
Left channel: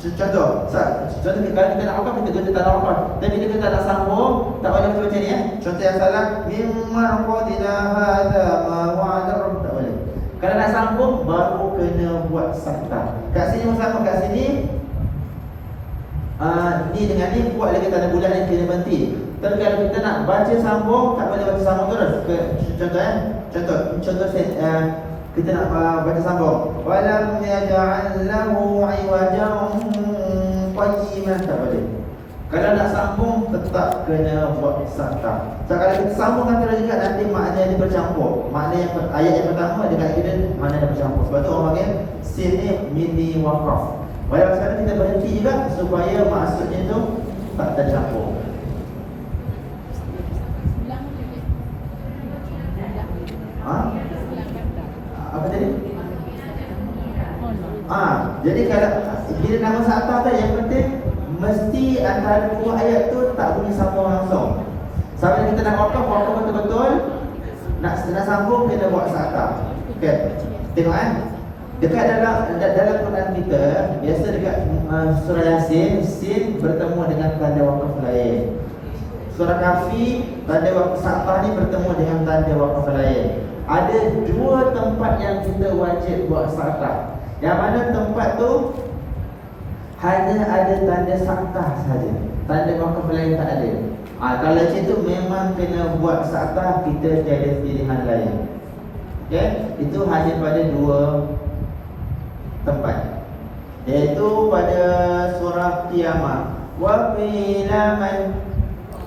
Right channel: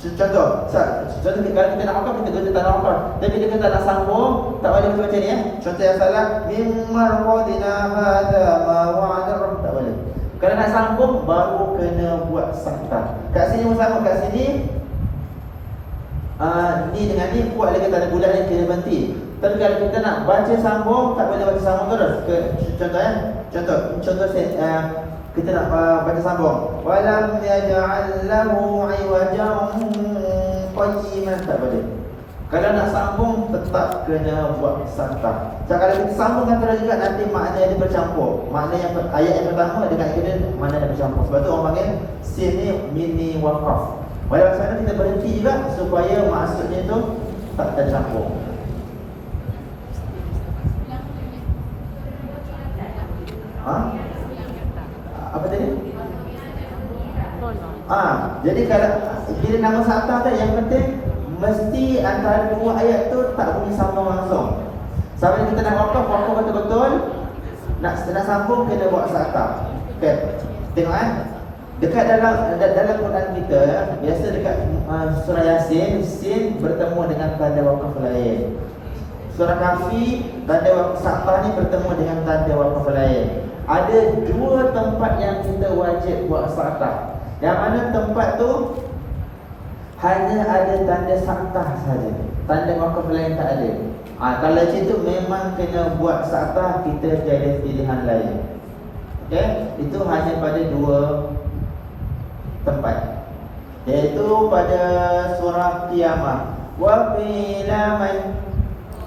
Contoh kalau kita nak waqaf kita guna tanda waqaf. Tapi bila kita nak sambung tak boleh baca ni Contoh yang salah mim marqadina hadza ma wa'ada rabb tak boleh. Kalau nak sambung baru kena buat sakta. Kat sini sama kat sini ni dengan ni buat lagi tanda bulat yang kena berhenti. Tapi kalau kita nak baca sambung tak boleh baca sambung terus. Contoh kita nak baca sambung. Walam yaj'al lahu 'iwajan qayyiman tak boleh. Kalau nak sambung tetap kena buat sakta. So kalau kita sambungkan terus juga nanti makna dia bercampur. Makna yang ayat yang pertama dengan kedua makna dia bercampur. Sebab tu orang panggil sin ni mini waqaf. Walau sekarang kita berhenti juga supaya maksudnya tu tak tercampur. Apa tadi? Jadi kalau bila nama sakta tu yang penting mesti antara dua ayat tu tak boleh sama langsung. Sampai kita nak waqaf betul-betul nak sambung kena buat sakta. Okey. Tengok dekat dalam Quran kita biasa dekat surah Yasin sin bertemu dengan tanda waqaf lain. Surah Kahfi tanda waqaf sakta ni bertemu dengan tanda waqaf lain. Ada dua tempat yang kita wajib buat sakta. Yang mana tempat tu hanya ada tanda sakta saja. Tanda waqaf lain tak ada. Kalau macam tu memang kena buat sakta, kita tiada pilihan lain. Okey, itu hanya pada dua tempat. Iaitu pada surah Qiyamah. Wa qila man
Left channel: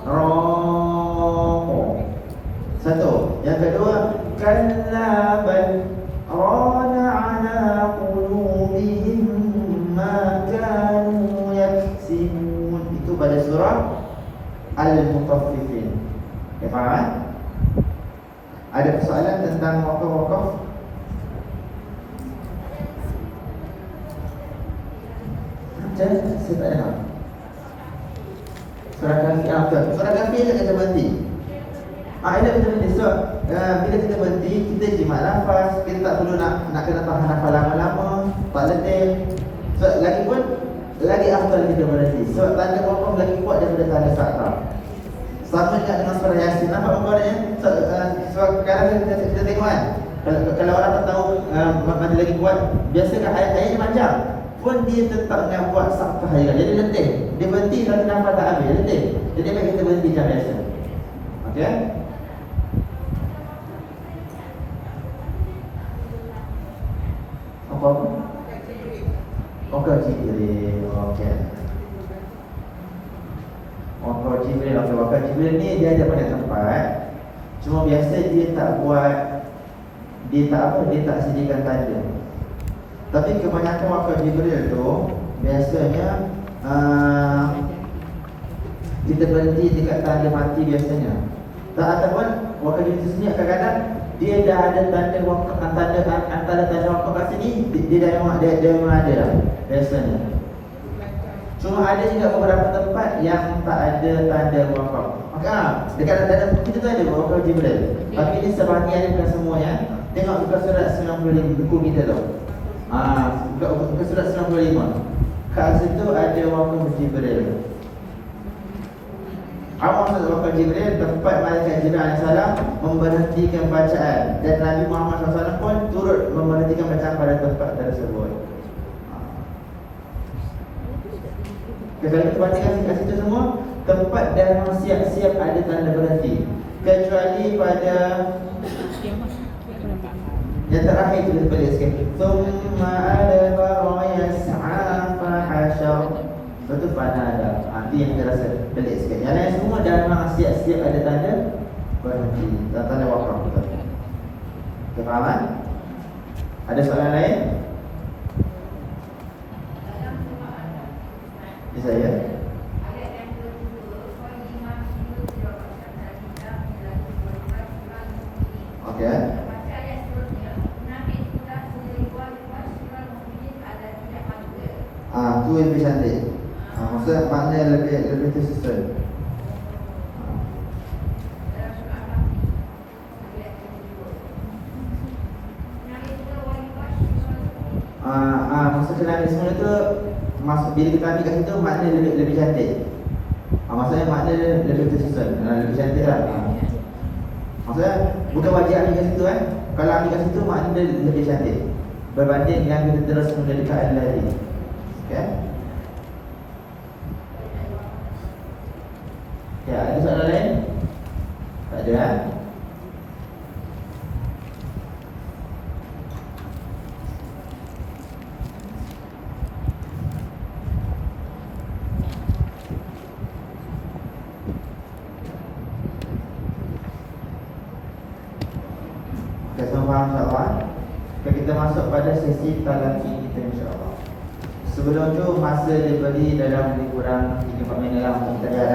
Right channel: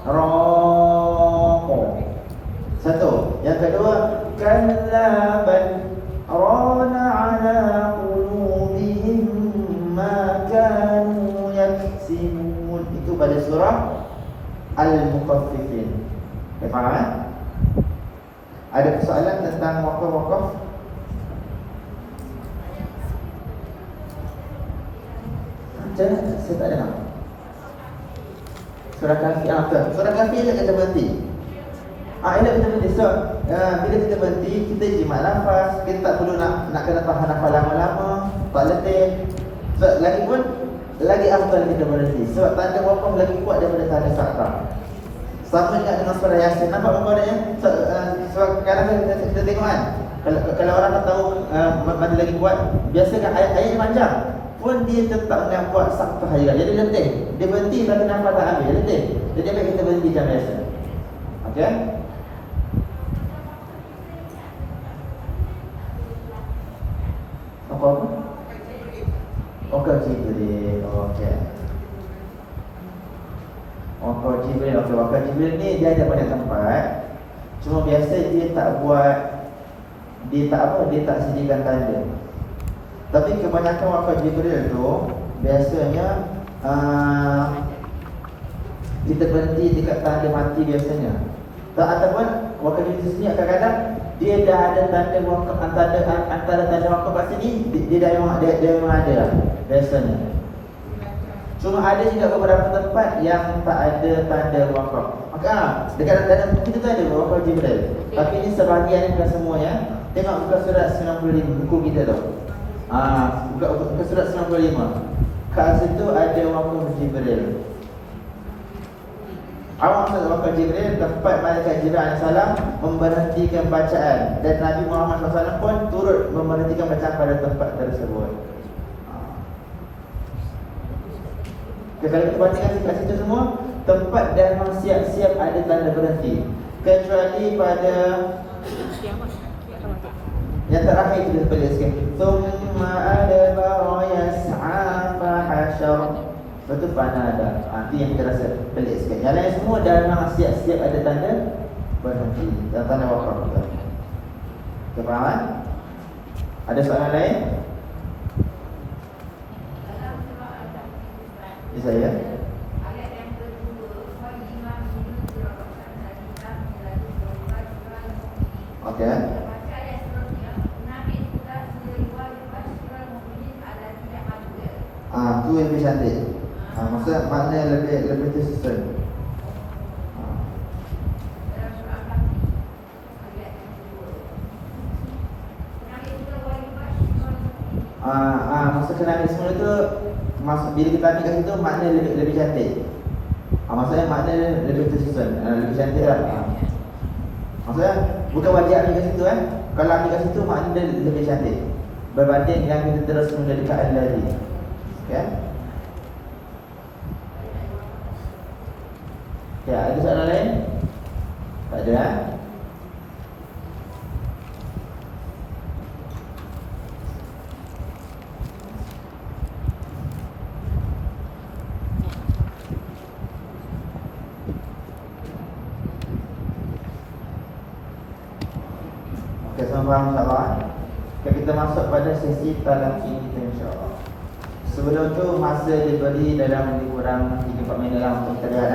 raqa. Satu. Yang kedua, kalla bal rana ala qulubihim ma kanu yaksibun. Itu pada surah Al-Mutaffifin. Okay, faham? Ada persoalan tentang waqaf-waqaf? Saya tak dengar. Surah Kahfi apa? Surah Kahfi elok kita berhenti. Elok kita berhenti. So, bila kita berhenti, kita jimat nafas. Kita tak perlu nak kena tahan nafas lama-lama, tak letih. So, lagi pun lagi afdal kita berhenti. Sebab tanda wakaf lagi kuat daripada tanda sakral. Sama juga dengan surah Yasin. Nampak muka-mukanya? Sebab kadang kita tengok kan, kalau orang tak tahu mana lagi kuat, biasakan ayat panjang pun dia tetap nak buat sabtu harian. Jadi letih. Dia berhenti tapi nafas tak habis, letih. Jadi baik kita berhenti macam biasa. Okey? Apa? Wakaf Jibril. Okey. Wakaf Jibril. Okey, wakaf Jibril ni dia ada pada tempat. Cuma biasa dia tak buat, dia tak sediakan tanda. Tapi kebanyakan wakaf Jibril tu biasanya kita berhenti dekat tanda mati biasanya. Tak, ataupun wakaf Jibril sendiri kadang-kadang dia dah ada tanda wakaf, antara tanda wakaf kat sini dia memang ada lah biasanya. Cuma ada juga beberapa tempat yang tak ada tanda wakaf. Maka dekat tanda kita tu ada wakaf Jibril. Tapi ini sebahagian, bukan semuanya. Tengok buka surat 95 buku kita tu. Buka surat 95. Kat situ ada wakaf Jibril. Awak masuk wakaf Jibril, tempat malaikat Jibril AS memberhentikan bacaan, dan Nabi Muhammad SAW pun turut memberhentikan bacaan pada tempat tersebut. Kalau kita perhatikan kat situ semua, tempat dah memang siap-siap ada tanda berhenti. Kecuali pada yang terakhir kita balik sikit. Thumma adbara yas'a fa hasyar. Betul panada. Nanti yang kita rasa pelik sikit. Yang lain semua dah memang siap-siap ada tanda berhenti. Dan tanda wakaf. Okay, faham kan? Ada soalan lain? Ini saya. Okey. Tu yang lebih cantik. Maksudnya makna yang lebih tersusun. Maksud kenangan semua tu, bila kita ambil kat situ, makna lebih cantik. Maksudnya makna lebih tersusun, lebih cantik lah. Maksudnya bukan wajib ambil kat situ kan. Kalau ambil kat situ, makna lebih cantik berbanding yang kita terus mendekat lagi. Okay? Ya, ada soalan lain? Tak ada kan? Okay, semua faham insyaAllah. Okay, kita masuk pada sesi talaqi kita insyaAllah. Sebelum tu masa diberi dalam lebih kurang 3-4 minit lah untuk kita lihat.